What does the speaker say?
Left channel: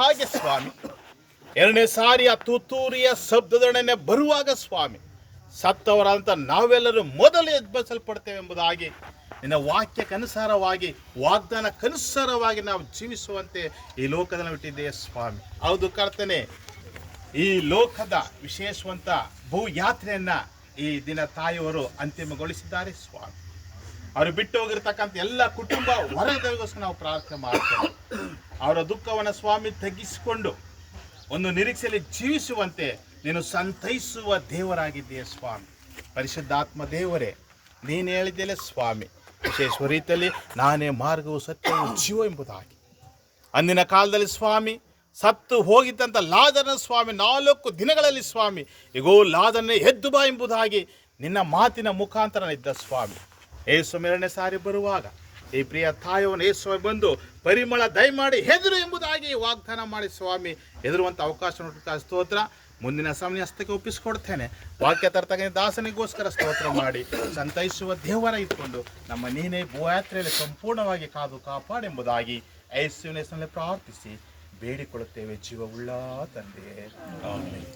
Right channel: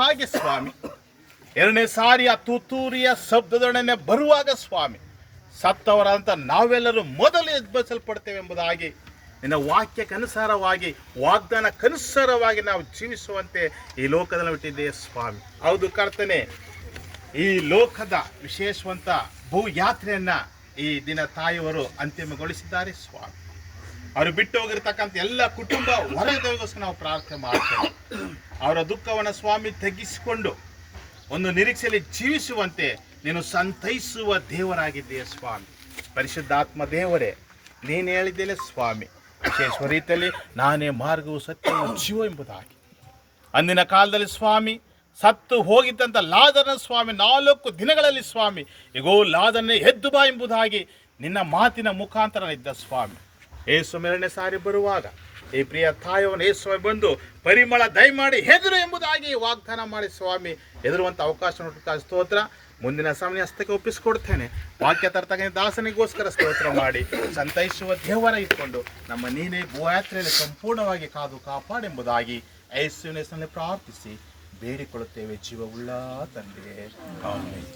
ಹಾಗೆ ಸ್ವಾಮಿ ಎರಡನೇ ಸಾರಿ ಆ ತುತ್ತೂರಿಯ ಶಬ್ದದೊಡನೆ ಬರುವಾಗ ಸ್ವಾಮಿ ಸತ್ತವರಂತ ನಾವೆಲ್ಲರೂ ಮೊದಲು ಎಬ್ಬರಿಸಲ್ಪಡ್ತೇವೆ ಎಂಬುದಾಗಿ ನಿನ್ನ ವಾಕ್ಯಕ್ಕನುಸಾರವಾಗಿ ವಾಗ್ದಾನಕ್ಕನುಸಾರವಾಗಿ ನಾವು ಜೀವಿಸುವಂತೆ ಈ ಲೋಕದಲ್ಲಿ ಬಿಟ್ಟಿದ್ದೇವೆ ಸ್ವಾಮಿ. ಹೌದು ಕರ್ತನೆ, ಈ ಲೋಕದ ವಿಶೇಷವಂತ ಭೂಯಾತ್ರೆಯನ್ನ ಈ ದಿನ ತಾಯಿಯವರು ಅಂತಿಮಗೊಳಿಸಿದ್ದಾರೆ ಸ್ವಾಮಿ. ಅವರು ಬಿಟ್ಟು ಹೋಗಿರ್ತಕ್ಕಂಥ ಎಲ್ಲ ಕುಟುಂಬ ವರ್ಗದವರಿಗೋಸ್ಕರ ನಾವು ಪ್ರಾರ್ಥನೆ ಮಾಡ್ತೇವೆ. ಅವರ ದುಃಖವನ್ನು ಸ್ವಾಮಿ ತಗ್ಗಿಸಿಕೊಂಡು ಒಂದು ನಿರೀಕ್ಷೆಯಲ್ಲಿ ಜೀವಿಸುವಂತೆ ನೀನು ಸಂತೈಸುವ ದೇವರಾಗಿದ್ದೀಯ ಸ್ವಾಮಿ. ಪರಿಶುದ್ಧಾತ್ಮ ದೇವರೇ, ನೀನು ಹೇಳಿದ್ದೇನೆ ಸ್ವಾಮಿ, ವಿಶೇಷ ರೀತಿಯಲ್ಲಿ ನಾನೇ ಮಾರ್ಗವು ಸತ್ಯವು ಜೀವ ಎಂಬುದಾಗಿ. ಅಂದಿನ ಕಾಲದಲ್ಲಿ ಸ್ವಾಮಿ ಸತ್ತು ಹೋಗಿದ್ದಂಥ ಲಾಜರನ ಸ್ವಾಮಿ 4 ದಿನಗಳಲ್ಲಿ ಸ್ವಾಮಿ ಈಗೋ ಲಾಜರನೇ ಎದ್ದು ಬಾ ಎಂಬುದಾಗಿ ನಿನ್ನ ಮಾತಿನ ಮುಖಾಂತರ ಇದ್ದ ಸ್ವಾಮಿ. ಏಸು ಎರಡನೇ ಸಾರಿ ಬರುವಾಗ ಈ ಪ್ರಿಯ ತಾಯಿಯನ್ನು ಏಸು ಬಂದು ಪರಿಮಳ ದಯಮಾಡಿ ಹೆದರು ಎಂಬುದಾಗಿ ವಾಗ್ದಾನ ಮಾಡಿ ಸ್ವಾಮಿ ಹೆದರುವಂಥ ಅವಕಾಶ ನೋಡ್ತಾ ಸ್ತೋತ್ರ. ಮುಂದಿನ ಸಮಯ ಹಸ್ತಕ್ಕೆ ಒಪ್ಪಿಸಿಕೊಡ್ತೇನೆ. ವಾಕ್ಯ ತರ್ತಕ್ಕಂಥ ದಾಸನಿಗೋಸ್ಕರ ಸ್ತೋತ್ರ ಮಾಡಿ ಸಂತೈಸುವ ದೇವರ ಇಟ್ಕೊಂಡು ನಮ್ಮ ನೀನೇ ಭೂಯಾತ್ರೆಯಲ್ಲಿ ಸಂಪೂರ್ಣವಾಗಿ ಕಾದು ಕಾಪಾಡೆಂಬುದಾಗಿ ಯೇಸುವಿನ ಹೆಸರಿನಲ್ಲಿ ಪ್ರಾರ್ಥಿಸಿ ಬೇಡಿಕೊಳ್ಳುತ್ತೇವೆ ಜೀವವುಳ್ಳ ತಂದೆಯೇ, ಆಮೆನ್.